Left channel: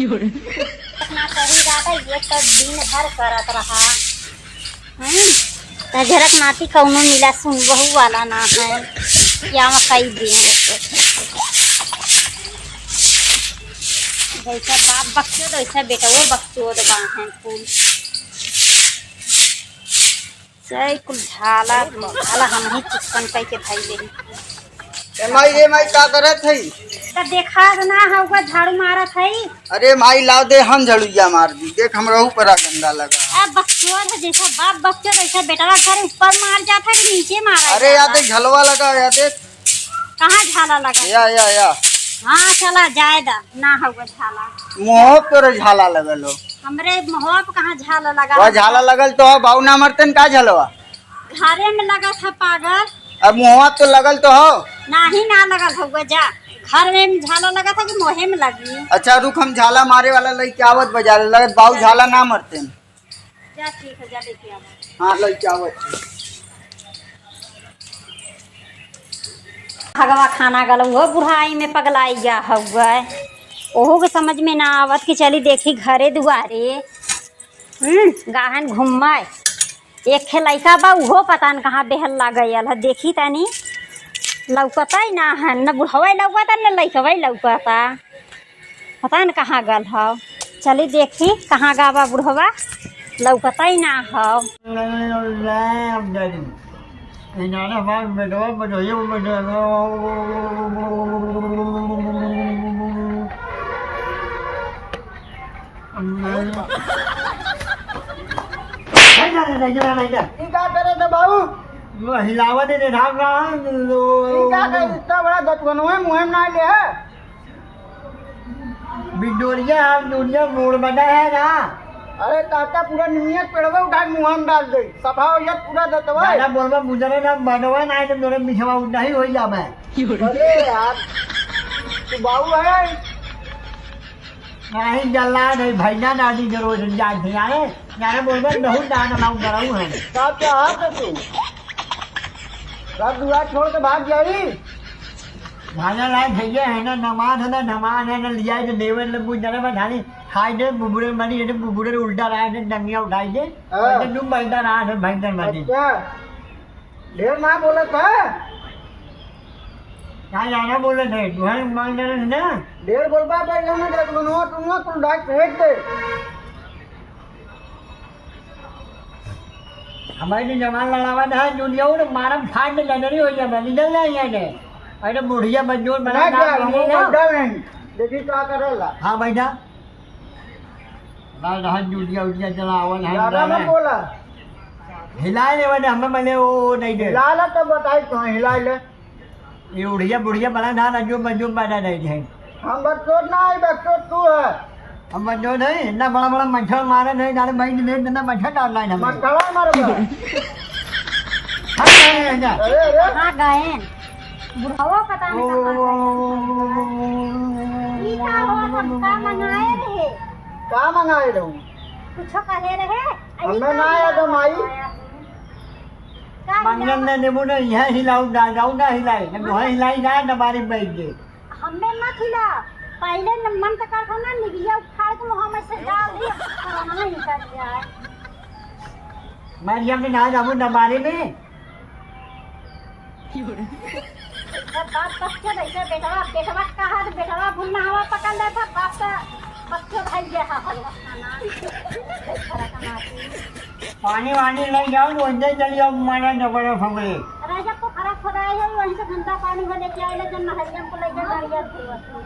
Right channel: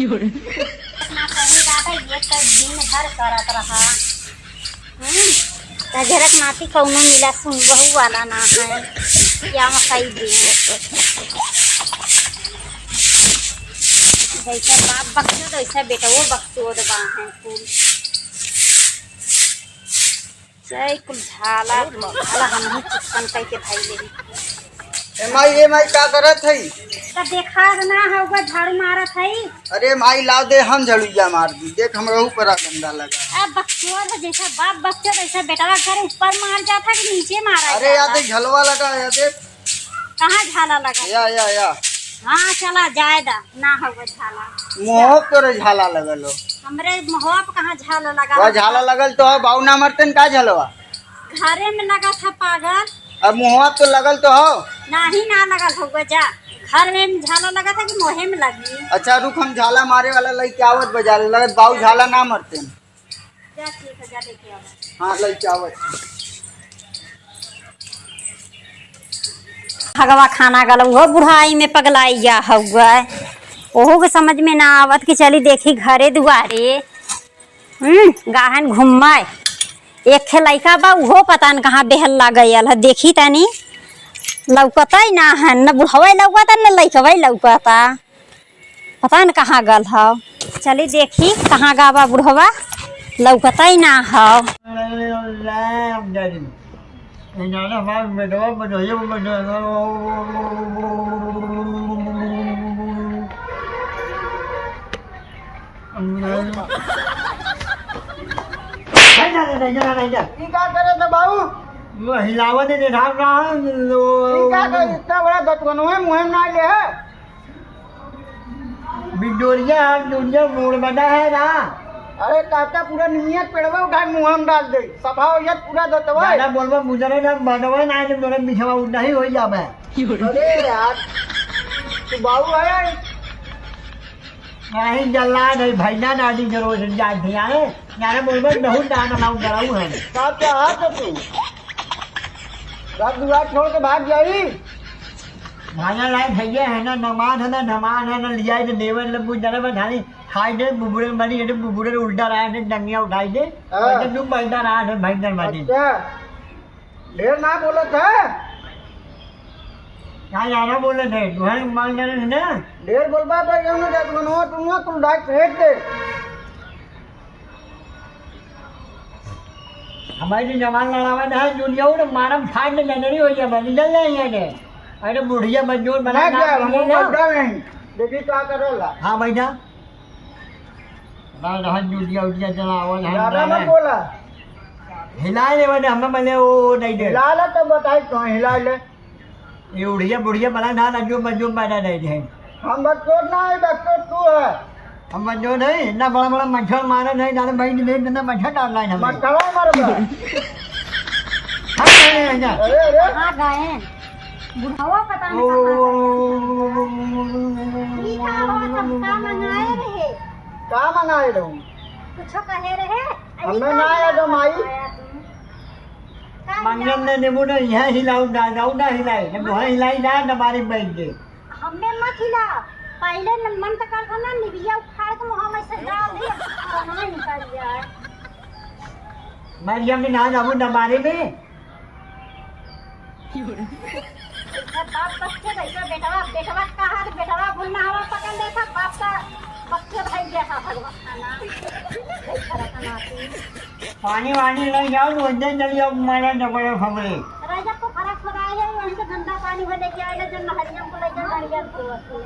ना सही बात है, ये तो दिन भर करत रहा। झरक नाती कौनो मिला सुन बहु वाला ना है क्या कई दिन जैसा बाप बच्चों वैसा बेटा वो बच्चों बन है फूल सही कुल झाला हम ही चिकन कई के भाई ले माई का करत है? तो देखा ना होगा झाड़ू मारत है। अरे माई लाओ दे हम झड़ुआ मार दी देख हमरा ऊपर गंदा लगा। अब बच्चों जैसा बाप बच्चों वैसा बेटा घर ऊपर मार जाता कि नीचे मारा। अरे याद देख झलवा लगा याद देख कहाँ झाला लगा या हाँ चला जाएगा ना होगा झाला मुँह पर झाला लगल हो। हमरे मुँह पे कहाँ झाला लगा। वह झाला लगल तो है बाऊ ना मरतन का झलवा घरे में लगा था पागल। अब मुँह तो लगल तो हो नहीं ना लगल होगा जा घर में झाला लगा था कि मुँह में लगी। अच्छा रुक हम झाला मारे वाला लड़के आवत बाजार लगत बाऊ झाला ना मरते जा ठीक है जा लेके आओ। हाँ लड़के आवत भगवा खाना गल वो बुढ़ाई में पगलाई जा हुआ ओहो के समझ में ना आवत कि चली देखी घरे दुआरे गाहन घूमाए एक खे लड़का बा उहो पता न कहाँ बेहल्ला गयल है देखी तनी लौकता ही ना है न बुढ़वा लौकता न लड़कवा लौकता पता न कहाँ गल है चली देखी कहाँ गावा बुढ़वा लौकता ही ना है। हिलावा दे इतना बड़ा गटवन है मुँह में ना ले है बिडोरिया दुनिया मोड़ बना है ना। अरे काका पूरा नियत पेड़वा उठा मुँह में डाल दे सफा हो जात पूरा दतवा ज्यादा बोलबा मुजरे ना बनवा ना जब मेरे मिठवा उठा ही हो जाबे। अरे यार तू बाऊ है नहीं जल्ला नहीं भैया नाडी जरूर जान थे यारे बोलबा बहुत दाना लाऊ कराऊ है का क्या हाथ तू सब दुआ छोड़ के भाग जाई भागा लाए भैया है ना नमाज है ना लिया है देवर लबू जरा बैठानी खाई दे बुबुरे मारी ये बुबुरे उल्टा रहा है डंगिया उठाई दे तो तुम बैठा रहा है भैंकर मारी ढेर ना बोला था क्या यारा बोले थे तुम्हारे मांग रहे ना ढेर बोलबा पे क्यों ना जात बनवा तुम कुल डाक फेंक दे हमारे जवान लड़ावा है दुनिया और मारम फाड़ दे नहीं हो जाए निकल जाए ये अरे बुढ़िया मंजूर बना नहीं देखी क्या करेला। हाँ बैठा जुटिया उटिया चलावन है बोला हिलाए ले बने हमें मैंने वो नहीं दे हिला तो बताई तो हिला ले ये उड़िया बुढ़िया बना ना रंजू मंजूर बैठा नहीं है हम बच्चों ना बच्चों तू है हम बच्चों नहीं इतना बड़ा बड़ा मच्छर मारे नहीं जाने भाई ले इतना मच्छर डालना है मच्छर मारे हाँ गए बुढ़ावा पता नहीं का मंगाए रहूं कुछ कहे रहे हमें ना आया तो माई मंगन ने नेबू ने यह हिलाऊ जाऊ ना हिलाए जब वह हिलाई ना हमारी बैठ दे हमें मत हिला पहले मन तक था ना निबिया उखाड़ के मुंह में से डाल दिया हमें निकल गया मरियम ने ना जाऊं दबारे में बाप बच्चे भैया बेटवा कहा तो बेटवा भूलना हवा पकड़ लेता बाप का बच्चे भाई जैसा हलवा खाना पानी वानी ले जाओ तो अंदर चली जाओ मारा डबल फमरे राजा को फरक हो रहा है वहीं से गंदा पानी में लेके आए जन हरियम को लेकर हरियम को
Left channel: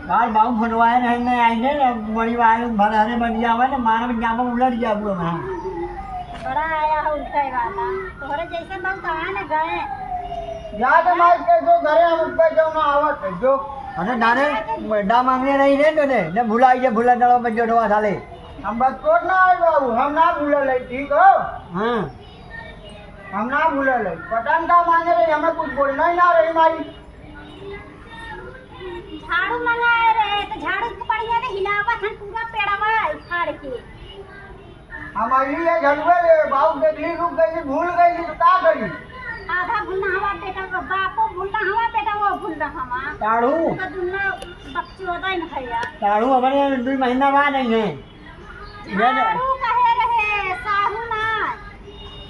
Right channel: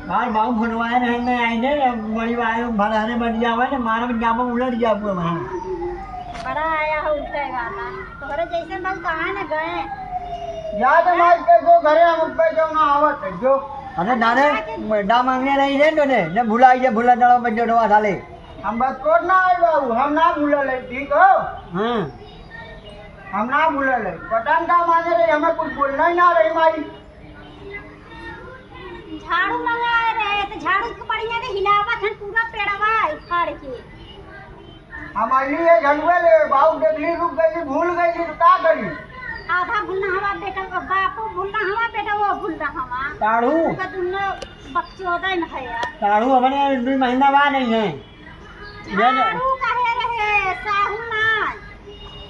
बार बाऊ फुनवाए रहने आए बड़ी वाले भराने बढ़िया हुआ ना मारा में जामा उलट गया पूरा वहां बड़ा आया है उल्टा वाला तोहरे जैसे मल कहां ना गए याद हमारे के जो घरे हम पे जो ना आवत है जो अरे नारे मेडा मांगने नहीं दे तो ने भुला डलो में जोड़वा साले हम बस कोट ना आए बाबू हम ना भूले ले ठीक हो हां हम ना भूले ले पतन का मांगे रहे हमें कुछ बोलना ही ना रही माई झाड़ू मंगाए रहे तो झाड़ू को बढ़िया ने हिलावा थन पूरा पेड़वा उखाड़ के हम अगली ये झलवे ले बाबू देखली रुक गई भूल गई तो का करी आधा भूलना हवा बेटा का बापो भूलना हवा बेटा वो भूलना हवा ताड़ू का दुन्नो बच्चे होता ही नहीं है ताड़ू हमारे 2 महीना बाद नहीं है साहू कहे रहे साहू ना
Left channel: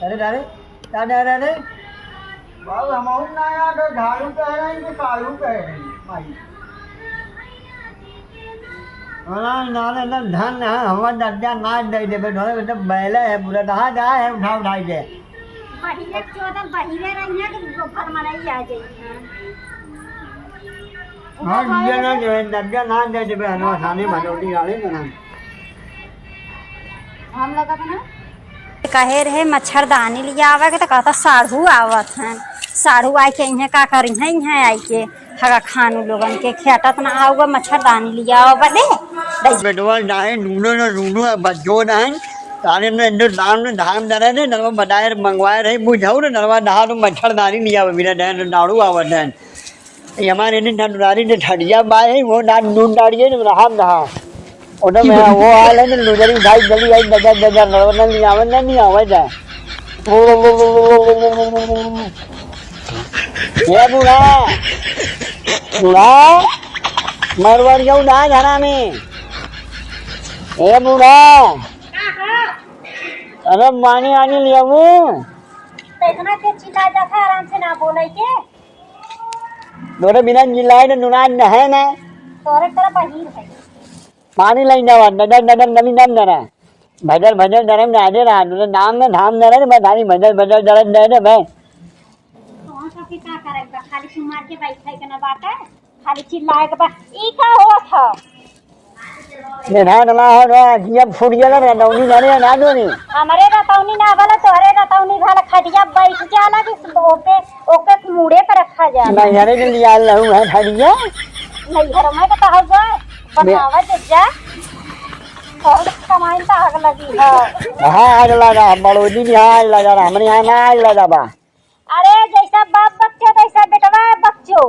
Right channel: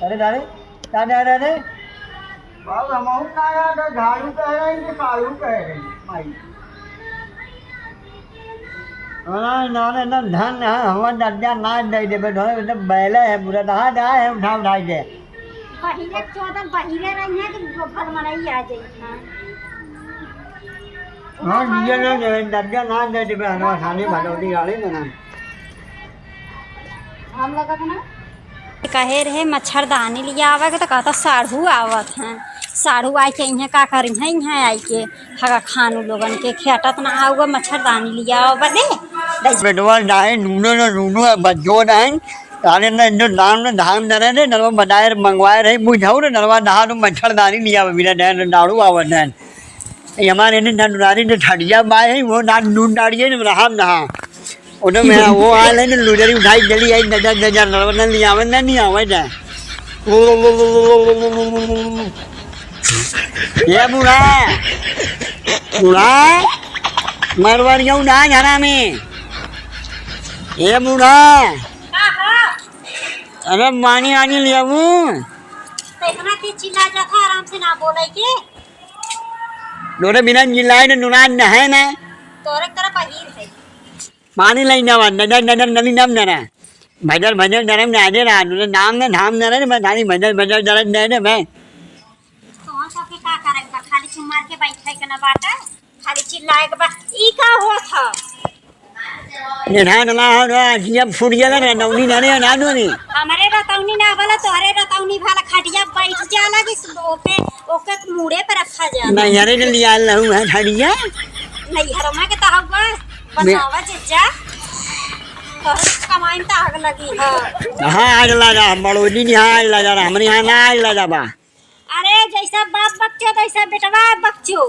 अरे दादे दादे दादे बाबू हम ना यार झाड़ू कह रहे हैं कि काड़ू कह रहे हैं भाई ना ना ना धन है हवा दर्जा ना दे दे बेटा बेटा बैले है पूरा दहा दहा है उठा दे पहिले 14 पहिले रही है तो घर मनाई आ जाई हां ये ना दर्जा ना दे दे बहनवा थाने भटौटी गाड़ी में ना हम लगा ना कहे रहे मच्छरदानी लिया आवे के तो कहता साढ़ू आवत हैं साढ़ू आई के इहाँ का करी हैं इहाँ आई के हगा खानू लोगन के खेटत ना आऊगा मच्छरदानी लिया आवा बदे बेटवा नाहे नूनो बज्जो नाहे तारे ने जो दान ने धाम दरे ने नलवा बनाए मंगवाए रहे बुझाऊ ने नलवा नहा तो मच्छरदानी लिया बिना डैन दाड़ू आवत है ये हमारे ने ननुनारी ने ठड़िया बाए वो ना नून डाड़िए ने नहाम नहा ओने में वो आए ने लुजरी उठाई जल्दी आई नजर नजर नलवा ने लिया आवे नहीं आवे जा ये बुढ़ा बुढ़ा मरवरियो ना जाना में ए बुढ़ा अरे पानी वानी लिया वो देखना के चिल्ला जाता आराम से ना बोले के दोरे बिना जिलाए ने नुनान न है ना तोरे तरह बहिर है पानी लाई ना नजर नजर नली नाम नरा भजर भजर नरम ने आजे ना नुने नाम ने नाम नरा ने मैं थानी भजर भजर दरद दे ने मैं तो सब के का करे खाली चुमार के बैठे के ना बाटा खाली चिल्लाए के बा ई का हो था ने ना ना जब फुट गया ना नौनी ना ना दोनी हमारे रतौनी ना वाला तोरे रतौनी वाला खटिया बैठ जाला कि ओपे ओके मुड़े पे रखा जाला नहीं यारे ने लिया लहू है ठड़िया नहीं हरमा के तहवा बनावा जज्जा और कमाई त आग लगी है हां आग लगा बड़ोदी नहीं आग लगा हमरे यहां ना आग लगा बा अरे जैसा बाप बच्चो तैसा बेटवा बच्चो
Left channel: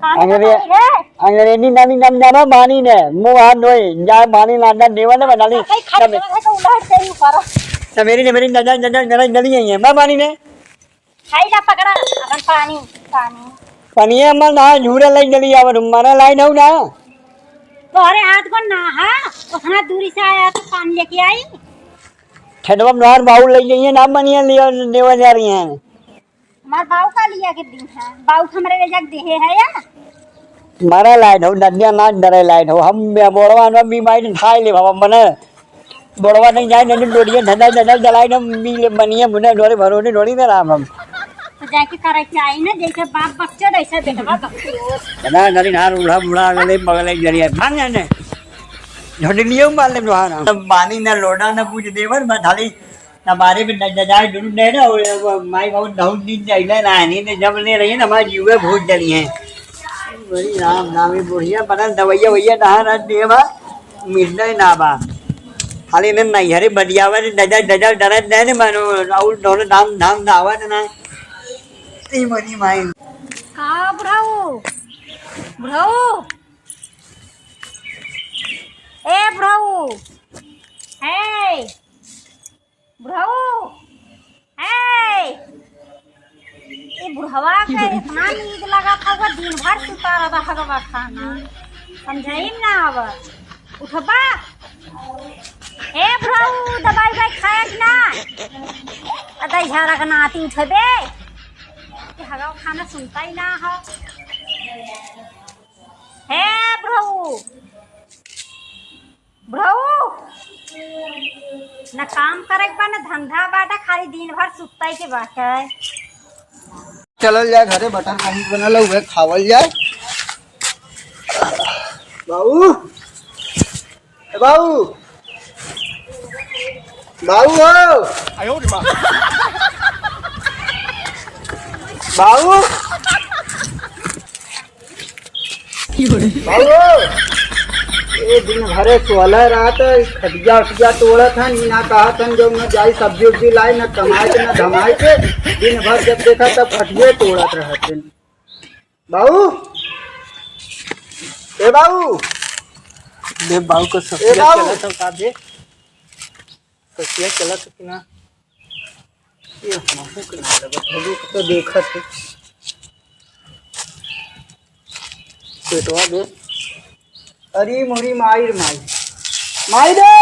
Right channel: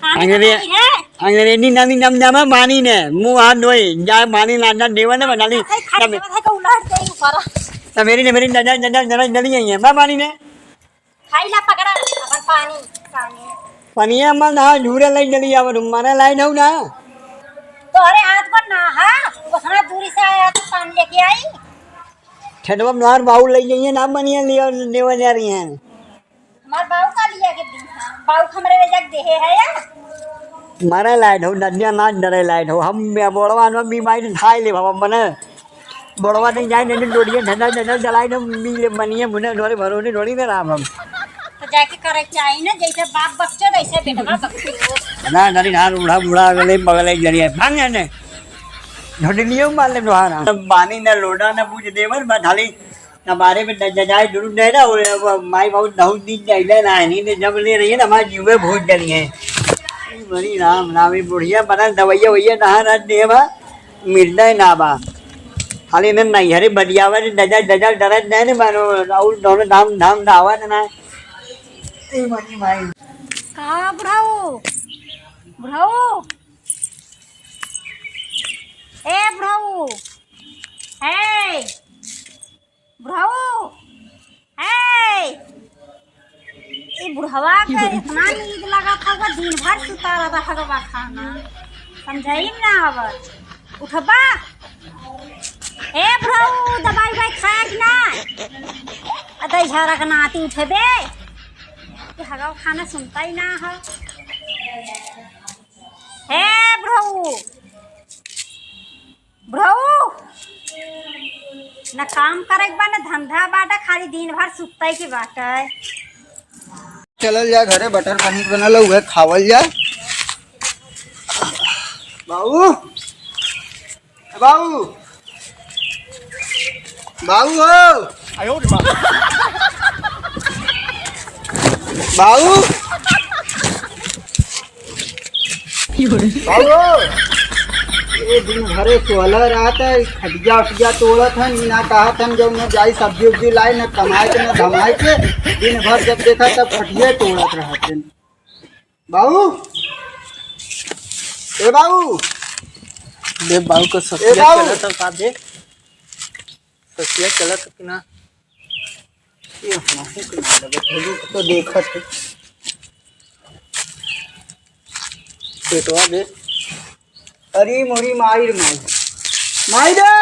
अंग्रेजी नानी नम नम मानी ने मुंह हाथ धोए जा मानी लाडा देवा ने बनाली मेरी नजर नजर नजर नली है मां मानी ने खाई ला पकड़ा अपन पानी पानी पानी अम्मा ना झूरे लाई जली आवर माने लाई नौ ना तोरे हाथ को ना हा उतना दूरी से आया तो पानी लेके आई ठडवा नहर बाउल ले जाइए ना बनिया लिया देवा जा रही हैं हमार बाऊ का लिया के दी हां बाऊ हमरे वे जग देहे है या मारा लाइट हो नदिया ना डरे लाइट हो हम बोड़वा न भी माई खाई ले बाबा मने बोड़वा नहीं जाए न डोरिए धंधा धंधा जलाई न मी ले बनिए मुने डोरे भरोने डोरी ना राम हम तो जाके करे चाहिए ना जैसे बाप बच्चो वैसे बेटवा बच्चो ना नरी नार उड़ा उड़ा गले बगले जरिए भांग ने झोडलियो मार ले दुहाना पानी न लोडा न पूछ देवर बा थाली हमारे में जाए दुरु दे ना और माई बहुत बहुत दिन जाइले ना नहीं तो जब ले रही है ना हमारी जीवे भूत जली है बड़ी राम नामी बुढ़िया बना दवाइया वैया नहा ना देवा मिलना ही ना बा खाली ने नहीं हरे बढ़िया वा दजा दजा डरत दे ने मानो और दोनों धाम धाम दावा ना नहीं मनी माई का बुढ़ाऊ बुढ़ाऊ ए बुढ़ाऊ हे बुढ़ाऊ हे ये बुढ़वा का इतना नींद लगा था दिन भर सुता रहा था खाना समझाई ना हवा उठबा ए बुढ़ाऊ दवाई भाई खाए कि ना अदई झाड़ा का नाती उठबे ये हवा खाना सुनता ही ना हो हे बुढ़ाऊ बुढ़ाऊ न काम करे बा न धंधा बाटा खाली दिन भर सुतई के बाटे चलल जाए घरे बटर पनीर बनल हुए खावल जाए बाबू बाबू बाबू हो बाबू बाबू ये दिन भरे सोलह रहा था खटिया उटिया तोड़ा था ना कहा था जो मैं जाई सब्जी उब्जी लाई ना कमाए के ना धमाए के दिन भर जब देखा तब खटिया तोड़त रहा थे बाबू ए बाबू देव बाबू को ससिया चला था का दे ससिया चला था कि ना ये हमहू के ना लगे थलू तो देखत है पेटवा में। अरे मोरी माई रे माई, माई रे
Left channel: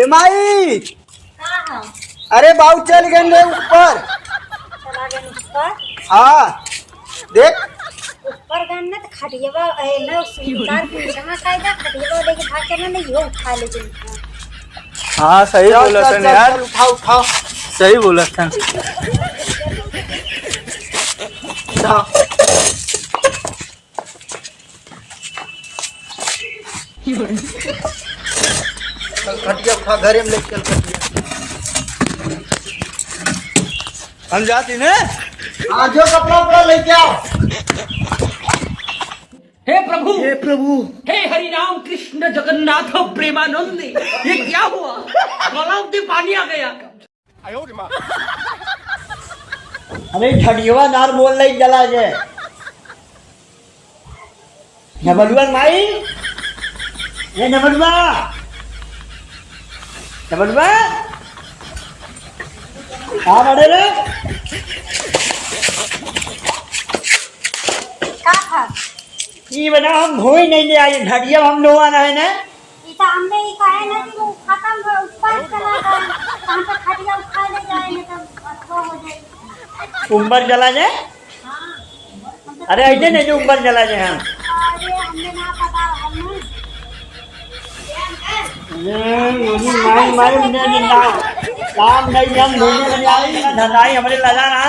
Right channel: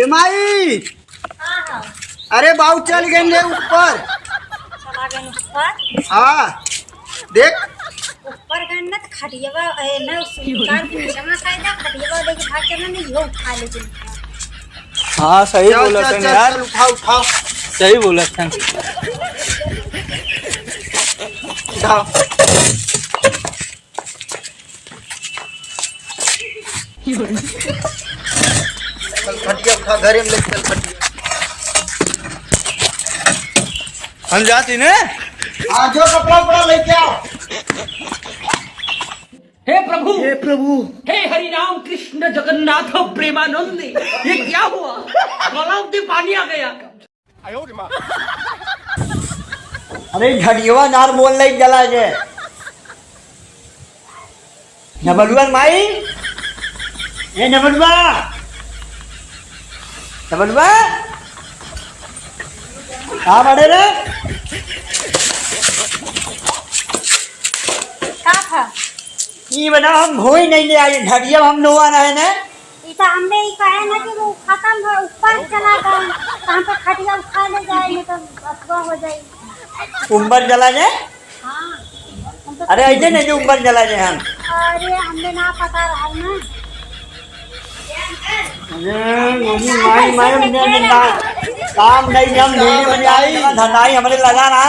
ए माई, अरे बाऊ चल गए रे ऊपर। चला गए ऊपर। हाँ देख ऊपर गए ना तो खटियावा ना सुधार पूछना कायदा खटियावा लेके भाग करना नहीं हो उठा ले तुम। हाँ सही बोला चल, था चल, यार, चल, उठाओ उठाओ सही बोला था। जाओ। चल खटिया उठा, घरे में ले चल खटिया। हम जाती ने आज जो कपड़ा उपड़ा लेके आओ। हे प्रभु, हे प्रभु, हे हरि राम कृष्ण जगन्नाथ प्रेमानंद, ये क्या हुआ? तालाब में पानी आ गया। अरे झड़ियवा नार मोल नहीं जला जे नबलुआ माई, ये नबलुआ नबलुआ हाँ बड़े रे का था ये बना हम भोई नहीं ले आए झड़िया हम नो आना है ना। इता हमने ही कहा है ना कि वो खत्म हो ऊपर चला गया हम तो खटिया उठा ले जाए तो अथवा हो जाए। उम्बर जला जाए। अरे ऐसे नहीं जो उम्बर जला जाए हम। अरे हमने ना पता रहा ना। मोदी माई माई ने ना काम नहीं हम ढूंढ में आई धनाई हमारे लगा ना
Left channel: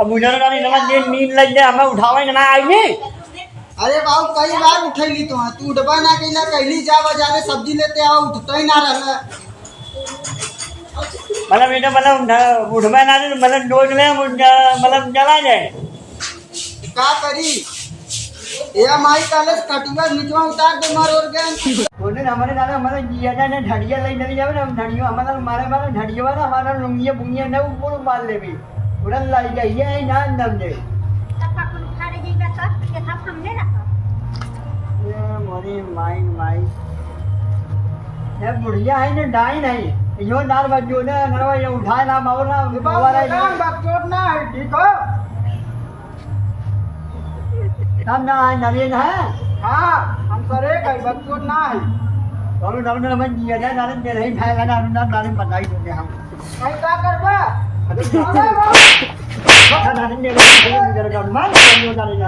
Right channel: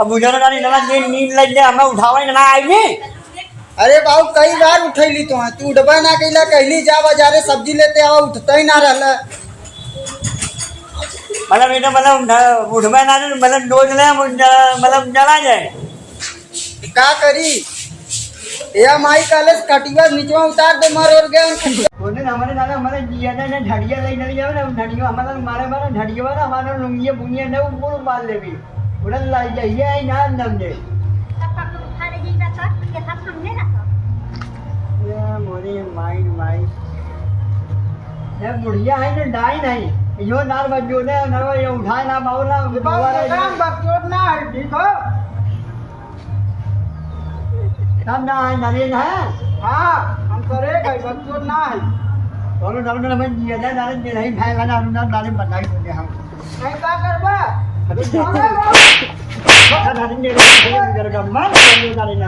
अब मुझे ना नींद नींद लग जाए हमें उठावे ना आई नहीं। अरे बाबू कई बार उठैली तो तू उठबा ना कैला, कहली जा बाजारे सब्जी लेते आओ, उठता ही ना रहला। मतलब बेटा मतलब उठवा ना मतलब डोज ले मतलब जला जाए का करी या माई काले कटिया नीचवा उतार दे मार और गए। बोले हमारे दादा हमारे जिया ना झड़िया ले नहीं जावे ना झड़िया हमारा मारे मारे झड़िया वाला हमारा लुंगिया बुंगिया ना ऊपर मार ले भी उड़ा लाई जाइए ना नम दे तब तक उठा ले जाएगा सर के था हमने ना ये मोरी माई माई ये बुढ़िया है ना डाई नहीं यो नार बजो ने नरवा ये उठाए ना मावला काम बकचोद ना है, ठीक हो? हम ना है नवीन है। हाँ हम करे कई बकचोद ना है। दोनों दोनों नमन जिया ना नारन दे नहीं खाएगा ना ना नारन बताई देते हम नहीं का करबा? अरे नारन दे रहे हैं जरा कम मान लो नारन